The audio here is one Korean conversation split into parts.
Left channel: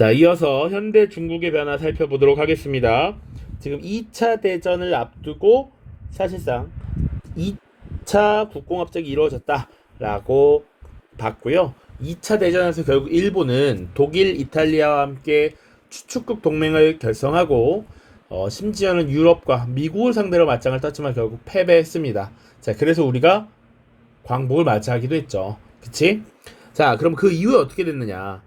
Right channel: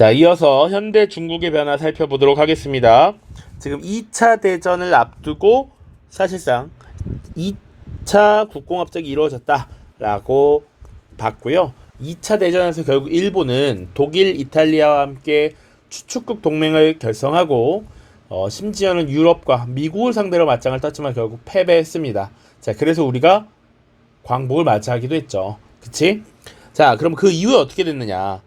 자, 이어서 현대 중국의 변화 살펴보도록 하겠습니다. 지금 2차 대전을 앞두고 사실상 2차 국공합작이 이루어졌다라고 봤고요. 2차 대전에서 결국 일본은 독일, 이탈리아와 함께 추축국 동맹을 결성하고 어, 심지어는 유럽과 미국을 상대로 맞짱을 떴지만 결국 패배했습니다. 자, 그래서 우리가 광복을 맞이하기도 했죠. 그치? 자, 그럼 그 이후에 어떻게 됐느냐?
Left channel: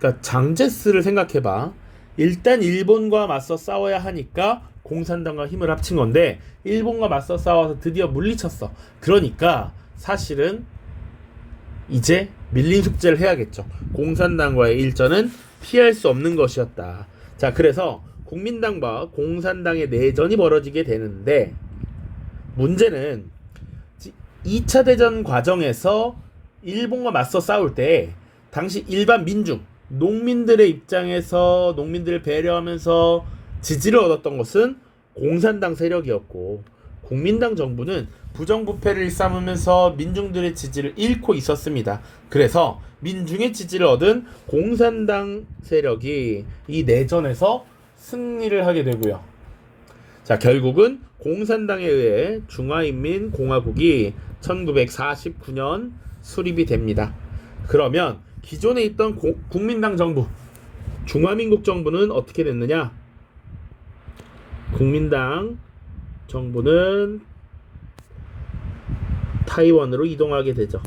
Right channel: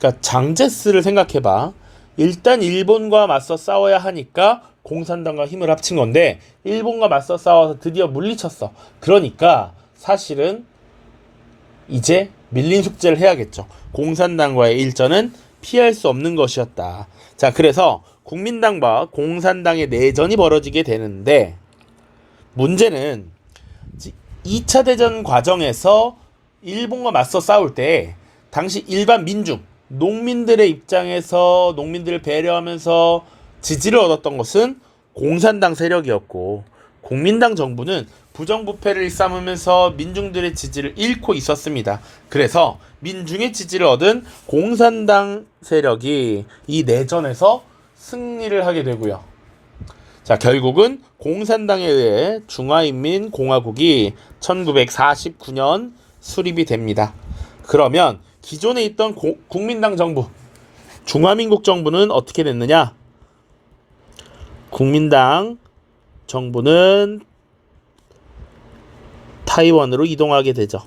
그러니까 장제스를 생각해봐. 일단 일본과 맞서 싸워야 하니까 공산당과 힘을 합친 건데 일본과 맞서 싸워서 드디어 물리쳤어. 그러니까 사실은 이제 밀린 숙제를 해야겠죠. 공산당과의 일전은 피할 수 없는 것이었다. 자, 그래서 국민당과 공산당의 내전이 벌어지게 되는데 문제는 2차 대전 과정에서 일본과 맞서 싸울 때 당시 일반 민중, 농민들의 입장에서 농민들을 배려하면서 지지를 얻었던 것은 공산당 세력이었고 국민당 정부는 부정부패를 일삼으면서 민중들의 지지를 잃고 있었습니다. 그래서 민중의 지지를 얻은 공산당 세력이 이 내전에서 승리를 하게 되고요. 자, 결국은 공산당에 의해 중화인민공화국이 1949년 수립이 됩니다. 그러면 기존에 있던 고- 국민당 정부, 중화민국 정부는 어떻게 됐느냐? 국민당 정부는 타이완으로 이동하게 되죠.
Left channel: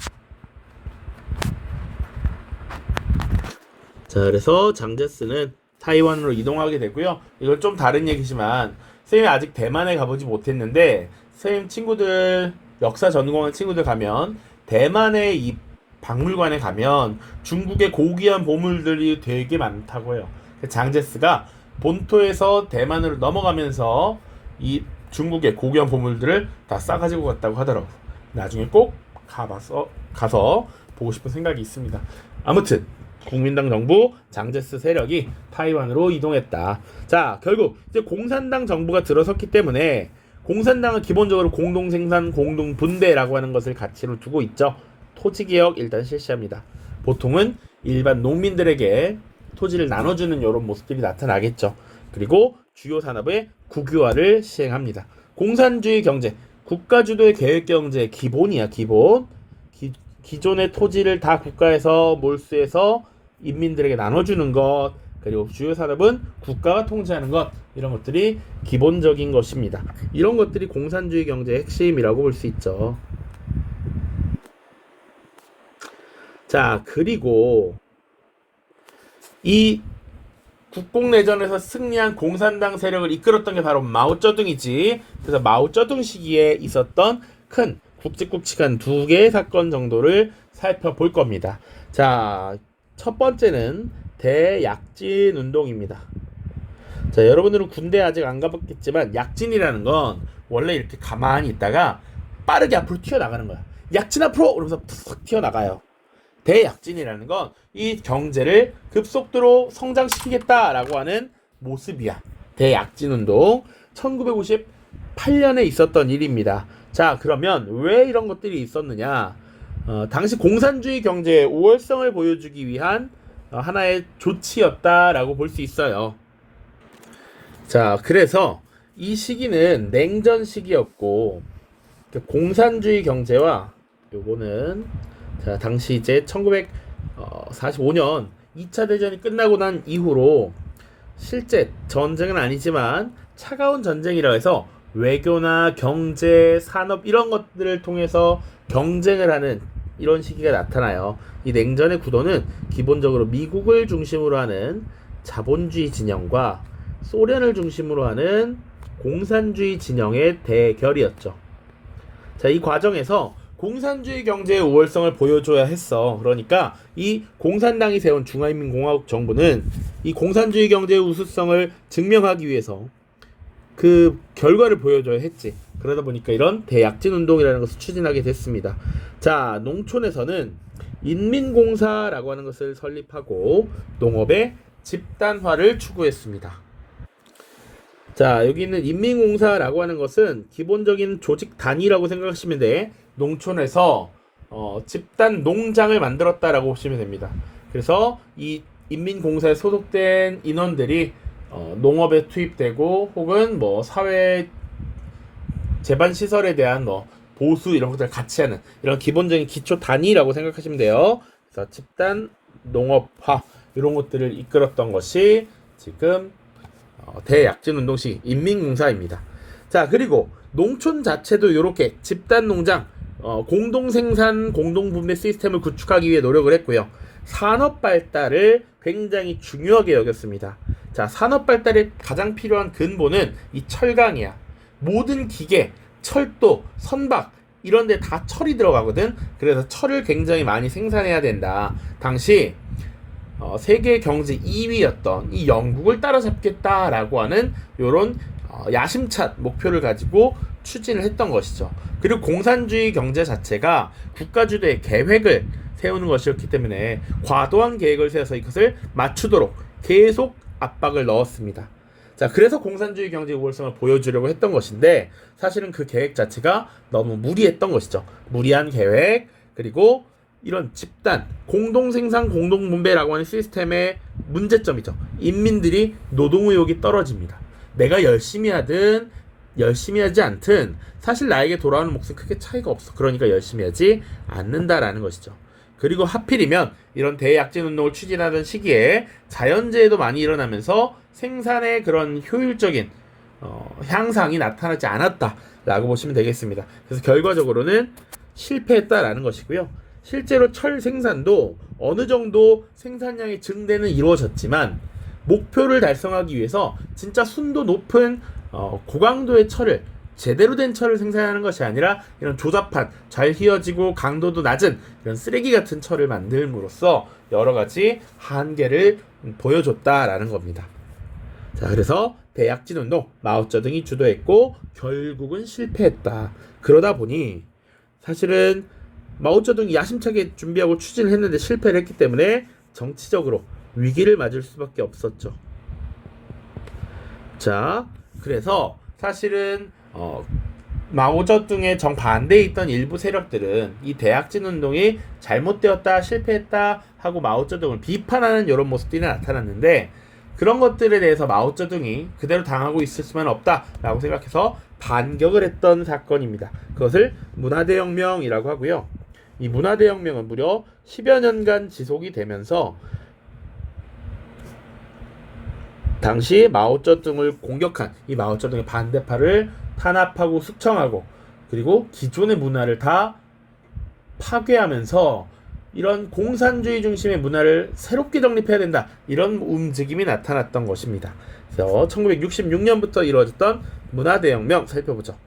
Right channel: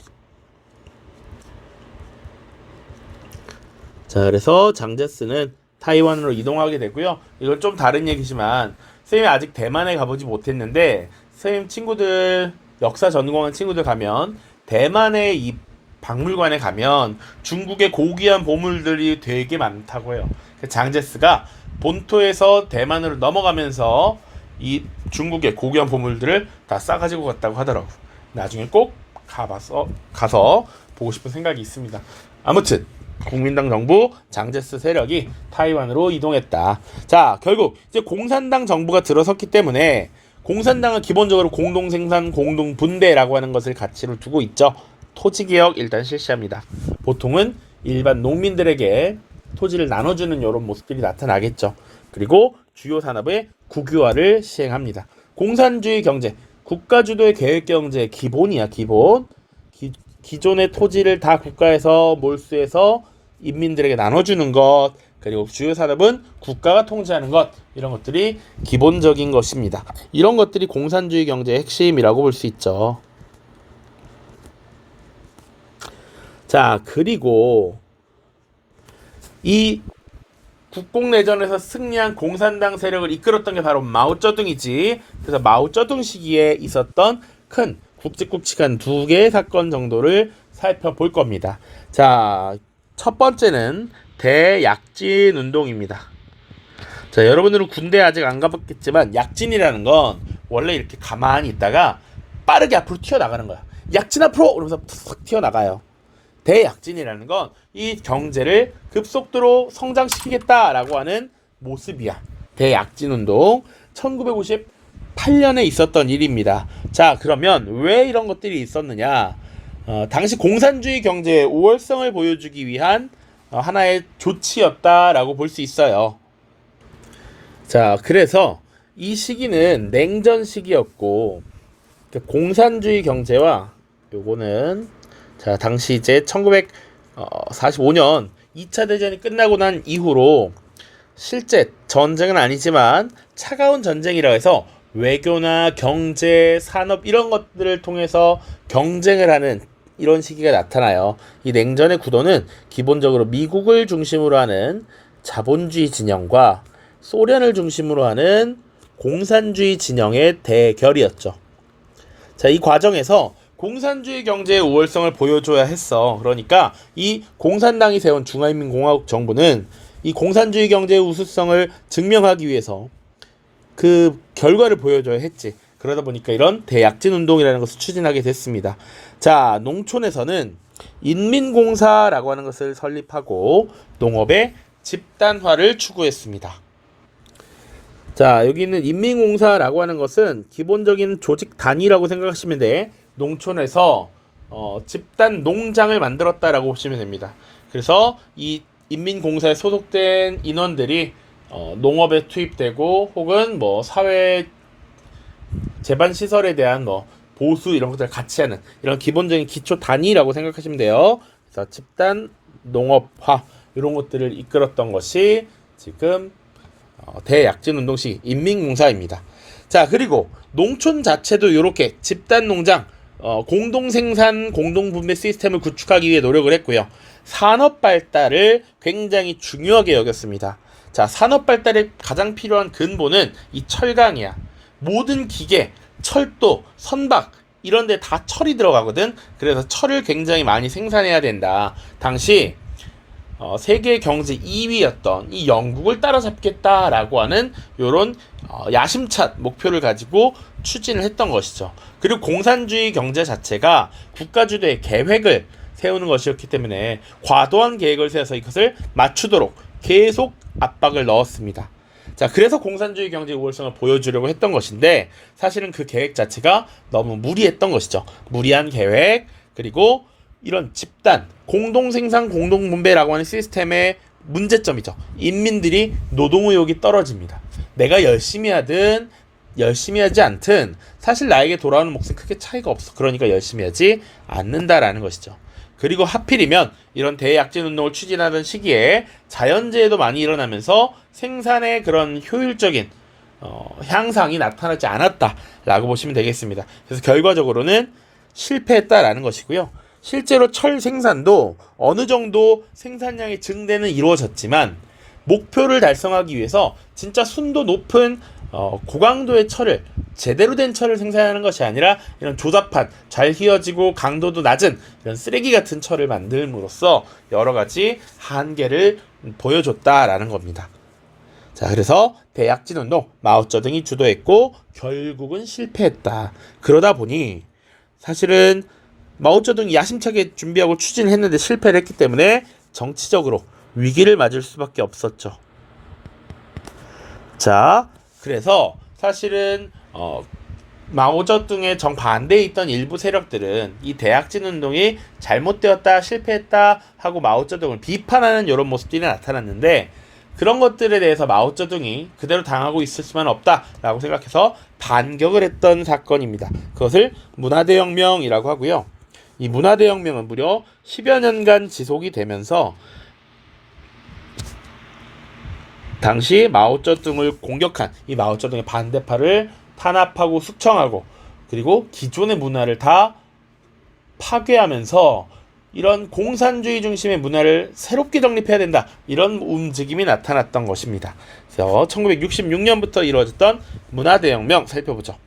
자, 그래서 장제스는 타이완으로 이동하게 되고요. 이건 좀 다른 얘기지만 선생님이 아직 대만에 가보지 못했는데 선생님 친구들 역사 전공하는 친구들 가면 대만의 이 박물관에 가면 중국의 고귀한 보물들이 되게 많다고 해요. 그 장제스가 본토에서 대만으로 넘어가면서 이 중국의 고귀한 보물들을 다 싸가지고 갔다고 하더라고. 나중에 꼭 가봐서 가서 보고 싶은 생각이 있습니다. 아무튼 국민당 정부 장제스 세력이 타이완으로 이동했다. 자, 결국 이제 공산당 정부가 들어섰기 때문에 공산당은 기본적으로 공동 생산, 공동 분배라고 하는 것을 가치로 두고 있죠. 토지 개혁 일단 실시합니다. 보통은 일반 농민들에게 토지를 나눠주는 이런 모습들이 나타나겠죠. 그리고 주요 산업의 국유화를 시행합니다. 공산주의 경제, 국가 주도의 계획 경제의 기본이야 기본. 기, 기존의 토지를 다 국가에서 몰수해서 인민들에게 나눠주는 것 그리고 주요 산업은 국가가 통제하는 것 이런 것들이 기본적인 것입니다. 이런 것들이 공산주의 경제의 핵심이라고 볼 수 있죠. 자 그리고 이 국공내전에서 승리한 공산당 세력을 이끌었던 게 바로 마오쩌둥이지. 그래서 마오쩌둥 시기에 있었던 큰 굵직굵직한 두 개의 사건 정도를 살펴볼 겁니다. 자, 첫 번째는 대약진 운동입니다. 자, 여러분들은 군대 아직 안 가봤겠지만 약진이라는 건 원래 이렇게 가만히 있다가 빠르게 앞으로 튀어나가는 거야. 약진 앞으로! 이러면서 푹 튀어나가요. 대약진이라는 건 이 경제를 급속도로 성장시키겠다라고 하는 모습이야. 대약진 운동 1958년에 있었던 일입니다. 자, 그러면 왜 이런 것들이 있었느냐? 어, 당시 공산주의 경제의 우월성을 보여주기 위한 어, 하나의 조치였다라고 볼 수 있어요. 자, 그래서 이 시기는 냉전 시기였고 그 공산주의 경제와 요거는 자, 당시 이제 1945년 2차 대전이 끝나고 난 이후로 실제 전쟁은 아니지만 차가운 전쟁이라 해서 외교나 경제, 산업 이런 것들을 통해서 경쟁을 하는 이런 시기가 나타나요. 이 냉전의 구도는 기본적으로 미국을 중심으로 하는 자본주의 진영과 소련을 중심으로 하는 공산주의 진영의 대결이었죠. 자, 이 과정에서 공산주의 경제의 우월성을 보여줘야 했어. 그러니까 이 공산당이 세운 중화인민공화국 정부는 이 공산주의 경제의 우수성을 증명하기 위해서 그 결과를 보여줘야 했지. 그러다 보니까 이런 대약진 운동이라는 것을 추진하게 됐습니다. 자, 농촌에서는 인민공사라고 하는 것을 설립하고 농업의 집단화를 추구했습니다. 자, 여기 있는 인민공사라고 하는 것은 기본적인 조직 단위라고 생각하시면 돼. 농촌에서 어, 집단 농장을 만들었다라고 보시면 됩니다. 그래서 이 인민공사에 소속된 인원들이 어, 농업에 투입되고 혹은 뭐 사회 재반 시설에 대한 뭐 보수 이런 것들 같이 하는 이런 기본적인 기초 단위라고 생각하시면 돼요. 그래서 집단 농업화 이런 것들을 이끌었던 것이 지금 어, 대약진 운동식 인민공사입니다. 자 그리고 농촌 자체도 이렇게 집단 농장 어, 공동 생산 공동 분배 시스템을 구축하기 위해 노력을 했고요. 산업 발달을 굉장히 중요하게 여겼습니다. 자 산업 발달에 가장 필요한 근본은 이 철강이야. 모든 기계, 철도, 선박 이런 데 다 철이 들어가거든. 그래서 철을 굉장히 많이 생산해야 된다. 당시 어, 세계 경제 2위였던 이 영국을 따라잡겠다라고 하는 요런 어, 야심찬 목표를 가지고 추진을 했던 것이죠. 그리고 공산주의 경제 자체가 국가 주도의 계획을 세우는 것이었기 때문에 과도한 계획을 세워서 이것을 맞추도록 계속 압박을 넣었습니다. 자, 그래서 공산주의 경제 우월성을 보여주려고 했던 것인데 사실은 그 계획 자체가 너무 무리했던 것이죠. 무리한 계획 그리고 이런 집단 공동 생산 공동 분배라고 하는 시스템의 문제점이죠. 인민들이 노동 의욕이 떨어집니다. 내가 열심히 하든 열심히 하지 않든 사실 나에게 돌아오는 몫은 크게 차이가 없어. 그러니까 열심히 하지 않는다라는 것이죠. 그리고 하필이면 이런 대약진 운동을 추진하던 시기에 자연재해도 많이 일어나면서 생산의 그런 효율적인 어, 향상이 나타나지 않았다라고 보시면 되겠습니다. 그래서 결과적으로는 실패했다라는 것이고요. 실제로 철 생산도 어느 정도 생산량의 증대는 이루어졌지만 목표를 달성하기 위해서 진짜 순도 높은 어, 고강도의 철을 제대로 된 철을 생산하는 것이 아니라 이런 조잡한 잘 휘어지고 강도도 낮은 이런 쓰레기 같은 철을 만들므로써 여러 가지 한계를 보여줬다라는 겁니다. 자, 그래서 대약진 운동 마오쩌둥이 주도했고 결국은 실패했다. 그러다 보니 사실은 마오쩌둥이 야심차게 준비하고 추진했는데 실패를 했기 때문에 정치적으로 위기를 맞을 수밖에 없었죠. 자, 그래서 사실은 어, 마오쩌둥의 정반대에 있던 일부 세력들은 이 대약진 운동이 잘못되었다, 실패했다 하고 마오쩌둥을 비판하는 이런 모습들이 나타났는데 그런 것들에 대해서 마오쩌둥이 그대로 당하고 있을 수만 없다라고 생각해서 반격을 했던 사건입니다. 그것을 문화대혁명이라고 하고요. 이 문화대혁명은 무려 10여 년간 지속이 되면서 당시 마오쩌둥을 공격한 이 마오쩌둥의 반대파를 탄압하고 숙청하고 그리고 기존의 문화를 다 파괴하면서 이런 공산주의 중심의 문화를 새롭게 정립해야 된다 이런 움직임이 나타났던 것입니다. 그래서 1966년부터 이루어졌던 문화 대혁명 살펴보죠.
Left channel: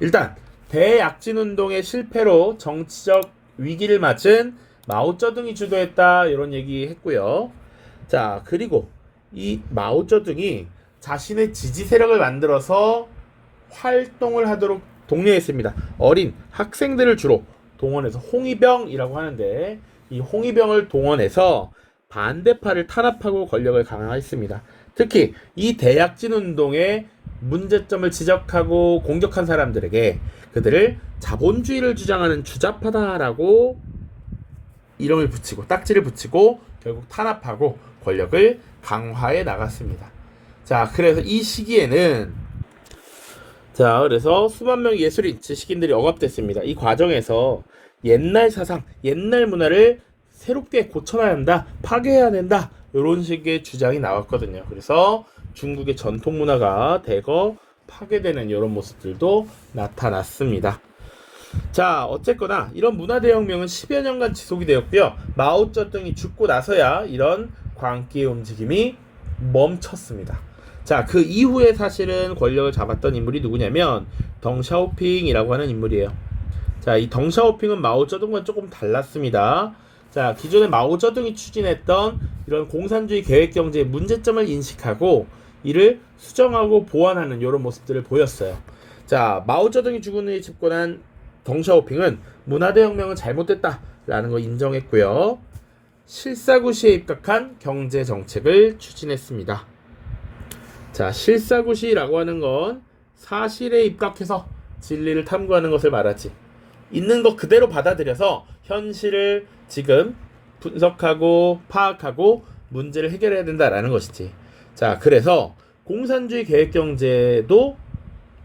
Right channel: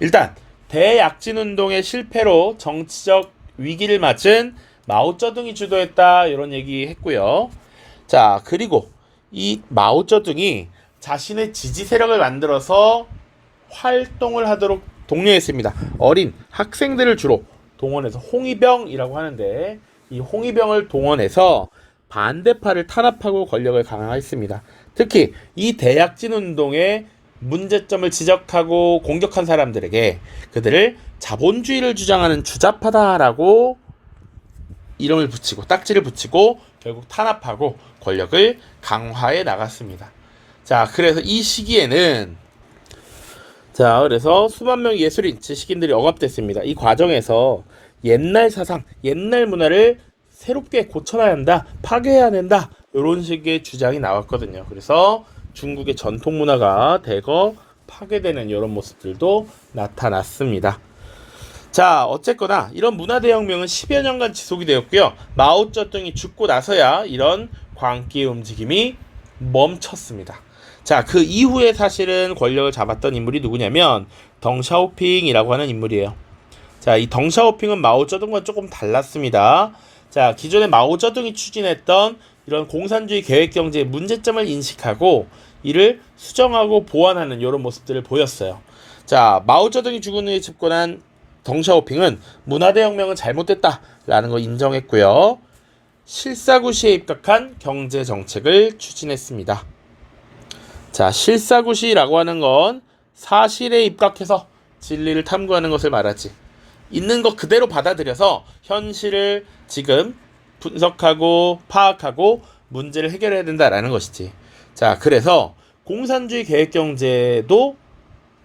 일단 대약진 운동의 실패로 정치적 위기를 맞은 마오쩌둥이 주도했다 이런 얘기 했고요. 자 그리고 이 마오쩌둥이 자신의 지지 세력을 만들어서 활동을 하도록 독려했습니다. 어린 학생들을 주로 동원해서 홍위병이라고 하는데 이 홍위병을 동원해서 반대파를 탄압하고 권력을 강화했습니다. 특히 이 대약진 운동의 문제점을 지적하고 공격한 사람들에게 그들을 자본주의를 주장하는 주자파다라고 이름을 붙이고 딱지를 붙이고 결국 탄압하고 권력을 강화해 나갔습니다. 자, 그래서 이 시기에는 자, 그래서 수만 명의 예술인, 지식인들이 억압됐습니다. 이 과정에서 옛날 사상, 옛날 문화를 새롭게 고쳐놔야 한다, 파괴해야 된다, 이런 식의 주장이 나왔거든요. 그래서 중국의 전통 문화가 대거 파괴되는 이런 모습들도 나타났습니다. 자, 어쨌거나 이런 문화 대혁명은 10여 년간 지속이 되었고요. 마오쩌둥이 죽고 나서야 이런 광기의 움직임이 멈췄습니다. 자, 그 이후에 사실은 권력을 잡았던 인물이 누구냐면 덩샤오핑이라고 하는 인물이에요. 자, 이 덩샤오핑은 마오쩌둥과 조금 달랐습니다. 자, 기존에 마오쩌둥이 추진했던 이런 공산주의 계획 경제의 문제점을 인식하고 이를 수정하고 보완하는 이런 모습들을 보였어요. 자, 마오쩌둥이 죽은 후에 집권한 덩샤오핑은 문화대혁명은 잘못됐다라는 걸 인정했고요. 실사구시에 입각한 경제 정책을 추진했습니다. 자, 실사구시라고 하는 건 사실에 입각해서 진리를 탐구하는 것을 말하지. 있는 것 그대로 받아들여서 현실을 지금 분석하고 파악하고 문제를 해결해야 된다라는 것이지. 자, 그래서 공산주의 계획 경제도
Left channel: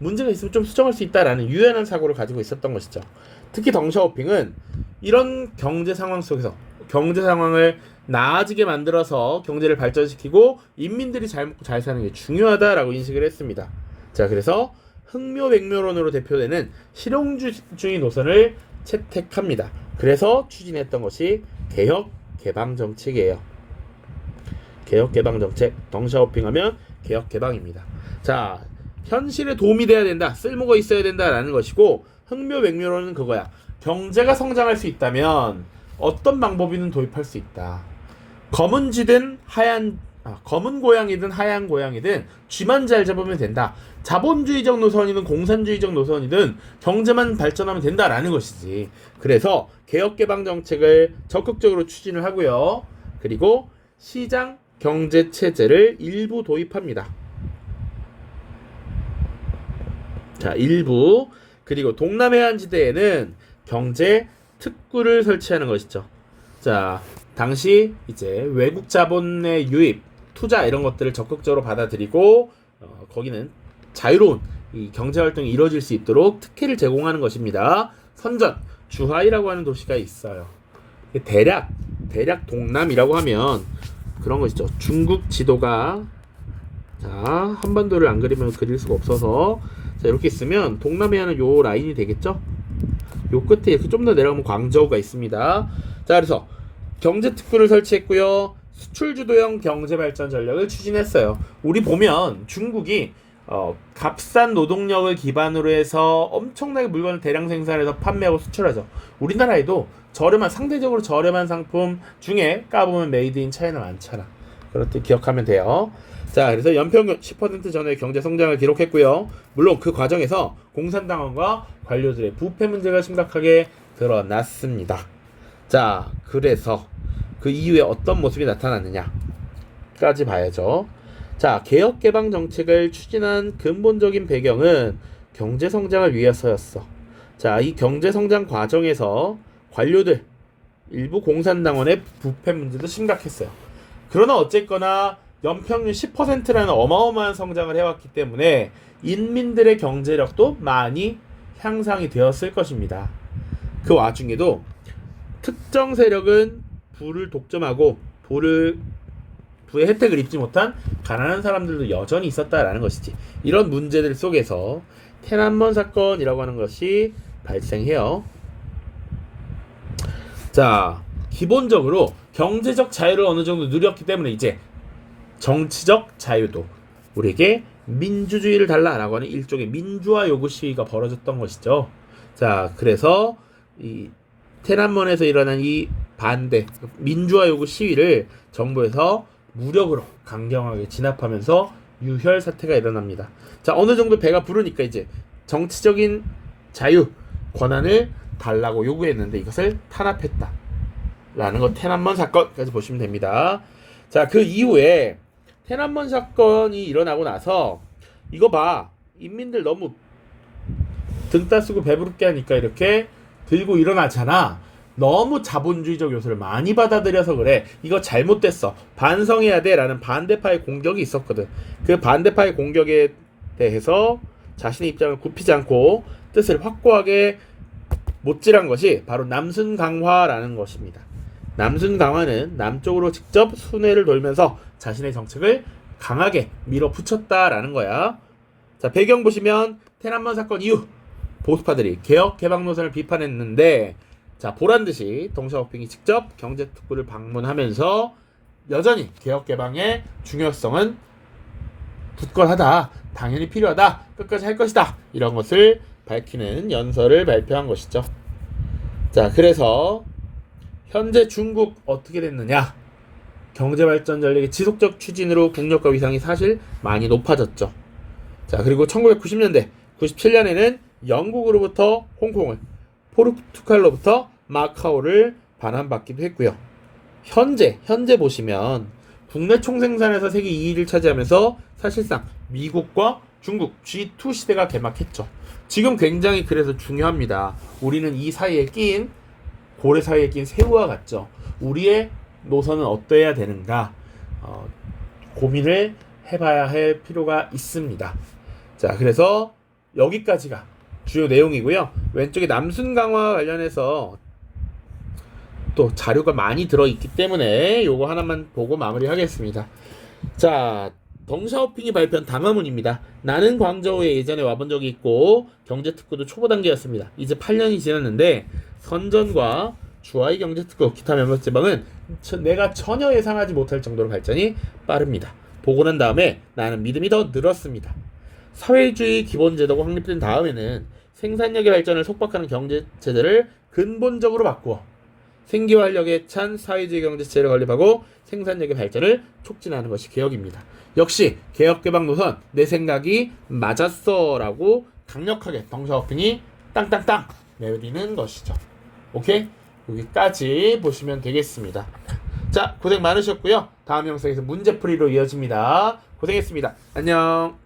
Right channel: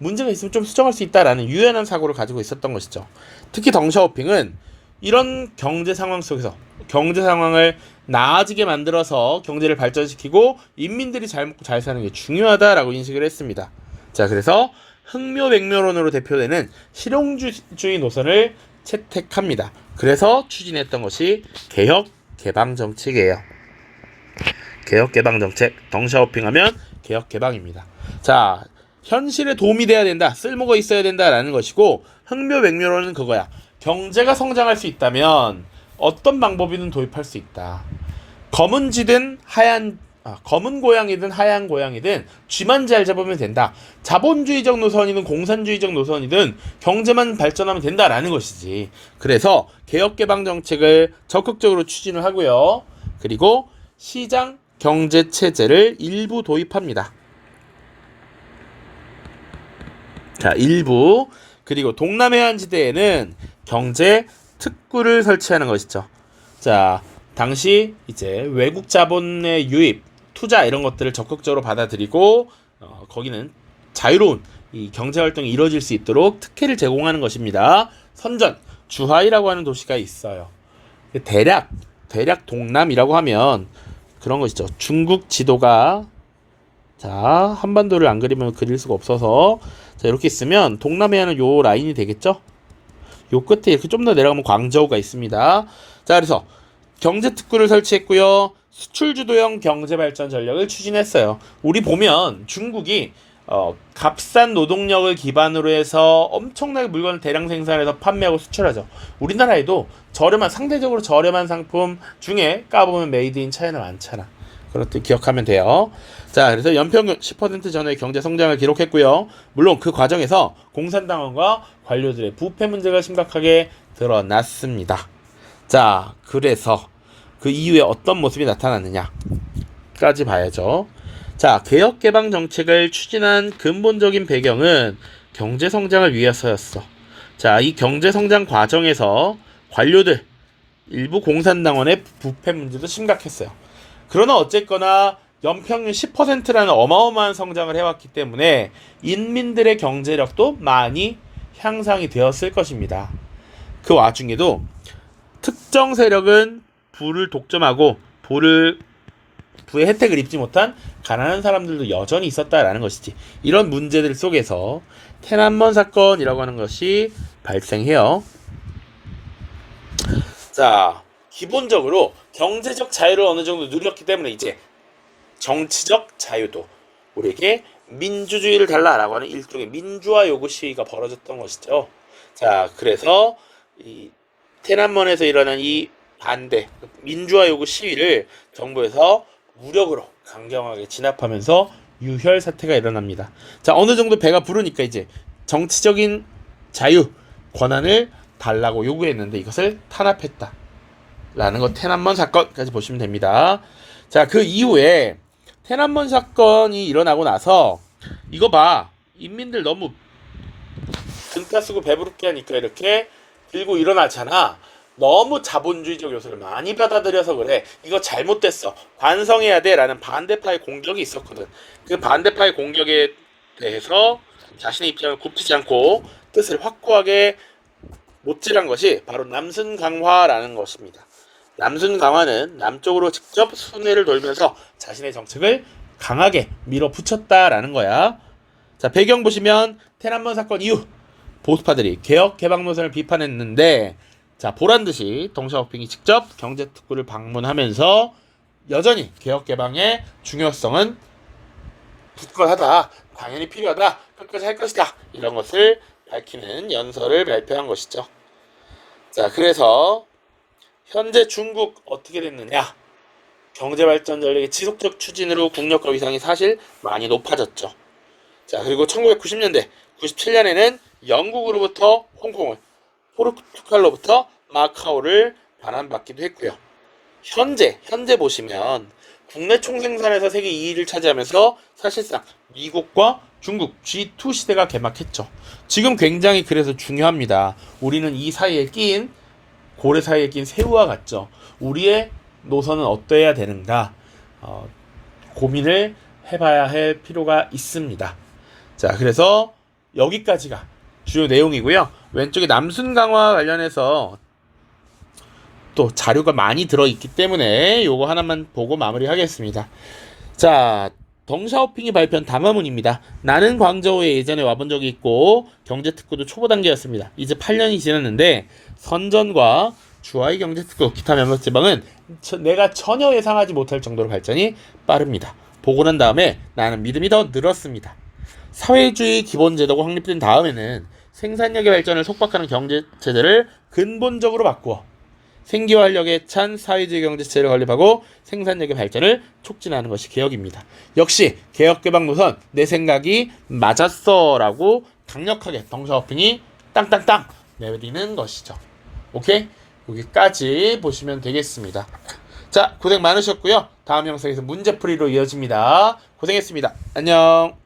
문제가 있으면 좀 수정할 수 있다라는 유연한 사고를 가지고 있었던 것이죠. 특히 덩샤오핑은 이런 경제 상황 속에서 경제 상황을 나아지게 만들어서 경제를 발전시키고 인민들이 잘 먹고 잘 사는 게 중요하다라고 인식을 했습니다. 자, 그래서 흑묘백묘론으로 대표되는 실용주의 노선을 채택합니다. 그래서 추진했던 것이 개혁 개방 정책이에요. 개혁 개방 정책 덩샤오핑하면 개혁 개방입니다. 자, 현실에 도움이 돼야 된다. 쓸모가 있어야 된다라는 것이고 흑묘백묘론은 그거야. 경제가 성장할 수 있다면 어떤 방법이든 도입할 수 있다. 검은 쥐든 하얀 아, 검은 고양이든 하얀 고양이든 쥐만 잘 잡으면 된다. 자본주의적 노선이든 공산주의적 노선이든 경제만 발전하면 된다라는 것이지. 그래서 개혁 개방 정책을 적극적으로 추진을 하고요. 그리고 시장 경제 체제를 일부 도입합니다. 자, 일부 그리고 동남해안 지대에는 경제 특구를 설치하는 것이죠. 자, 당시 이제 외국 자본의 유입, 투자 이런 것들을 적극적으로 받아들이고 어, 거기는 자유로운 이 경제 활동이 이루어질 수 있도록 특혜를 제공하는 것입니다. 선전 주하이라고 하는 도시가 있어요. 대략 대략 동남이라고 하면 그런 것이죠. 중국 지도가 자 한반도를 안 그리면 그릴 수가 없어서 자 이렇게 있으면 동남해안은 요 라인이 되겠죠. 요 끝에 이렇게 좀 더 내려가면 광저우가 있습니다. 자 그래서 경제 특구를 설치했고요. 수출 주도형 경제 발전 전략을 추진했어요. 우리 보면 중국이 어, 값싼 노동력을 기반으로 해서 엄청나게 물건을 대량 생산해서 판매하고 수출하죠. 우리나라에도 저렴한 상대적으로 저렴한 상품 중에 까보면 메이드 인 차이나 많잖아. 그것도 기억하면 돼요. 자, 그래서 연평균 10% 전의 경제 성장을 기록했고요. 물론 그 과정에서 공산당원과 관료들의 부패 문제가 심각하게 드러났습니다. 자, 그래서 그 이후에 어떤 모습이 나타났느냐까지 봐야죠. 자, 개혁 개방 정책을 추진한 근본적인 배경은 경제 성장을 위해서였어. 자, 이 경제 성장 과정에서 관료들 일부 공산당원의 부패 문제도 심각했어요. 그러나 어쨌거나 연평균 10%라는 어마어마한 성장을 해왔기 때문에 인민들의 경제력도 많이 향상이 되었을 것입니다. 그 와중에도 특정 세력은 부를 독점하고 부를 부의 혜택을 입지 못한 가난한 사람들도 여전히 있었다라는 것이지. 이런 문제들 속에서 테난먼 사건이라고 하는 것이 발생해요. 자, 기본적으로 경제적 자유를 어느 정도 누렸기 때문에 이제 정치적 자유도 우리에게 민주주의를 달라라고 하는 일종의 민주화 요구 시위가 벌어졌던 것이죠. 자, 그래서 이 테난먼에서 일어난 이 반대 민주화 요구 시위를 정부에서 무력으로 강경하게 진압하면서 유혈 사태가 일어납니다. 자, 어느 정도 배가 부르니까 이제 정치적인 자유, 권한을 달라고 요구했는데 이것을 탄압했다. 라는 것 테난먼 사건까지 보시면 됩니다. 자, 그 이후에 테난먼 사건이 일어나고 나서 이거 봐. 인민들 너무 등 따쓰고 배부르게 하니까 이렇게 들고 일어나잖아. 너무 자본주의적 요소를 많이 받아들여서 그래. 이거 잘못됐어. 반성해야 돼. 라는 반대파의 공격이 있었거든. 그 반대파의 공격에 대해서 자신의 입장을 굽히지 않고 뜻을 확고하게 못질한 것이 바로 남순 강화라는 것입니다. 남순 강화는 남쪽으로 직접 순회를 돌면서 자신의 정책을 강하게 밀어붙였다라는 거야. 자, 배경 보시면 테난먼 사건 이후 보수파들이 개혁 개방 노선을 비판했는데 자, 보란 듯이 동샤오핑이 직접 경제 특구를 방문하면서 여전히 개혁 개방의 중요성은 굳건하다. 당연히 필요하다. 끝까지 할 것이다. 이런 것을 밝히는 연설을 발표한 것이죠. 자, 그래서 현재 중국 어떻게 됐느냐? 경제 발전 전략의 지속적 추진으로 국력과 위상이 사실 많이 높아졌죠. 자, 그리고 1990년대, 97년에는 영국으로부터 홍콩을, 포르투갈로부터 마카오를 반환받기도 했고요. 현재, 현재 보시면 국내 총생산에서 세계 2위를 차지하면서 사실상 미국과 중국 G2 시대가 개막했죠. 지금 굉장히 그래서 중요합니다. 우리는 이 사이에 낀 고래 사이에 낀 새우와 같죠. 우리의 노선은 어떠해야 되는가? 어, 고민을 해봐야 할 필요가 있습니다. 자, 그래서 여기까지가 주요 내용이고요. 왼쪽에 남순 강화 관련해서 또 자료가 많이 들어있기 때문에 요거 하나만 보고 마무리하겠습니다. 자, 덩샤오핑이 발표한 담화문입니다. 나는 광저우에 예전에 와본 적이 있고 경제특구도 초보 단계였습니다. 이제 8년이 지났는데 선전과 주하이 경제특구 기타 몇몇 지방은 저- 내가 전혀 예상하지 못할 정도로 발전이 빠릅니다. 보고 난 다음에 나는 믿음이 더 늘었습니다. 사회주의 기본 제도가 확립된 다음에는 생산력의 발전을 속박하는 경제 체제를 근본적으로 바꾸어 생기와 활력에 찬 사회주의 경제체를 건립하고 생산력의 발전을 촉진하는 것이 개혁입니다. 역시 개혁 개방 노선 내 생각이 맞았어라고 강력하게 덩샤오핑이 땅땅땅 내리는 것이죠. 오케이? 여기까지 보시면 되겠습니다. 자, 고생 많으셨고요. 다음 영상에서 문제풀이로 이어집니다. 고생했습니다. 안녕.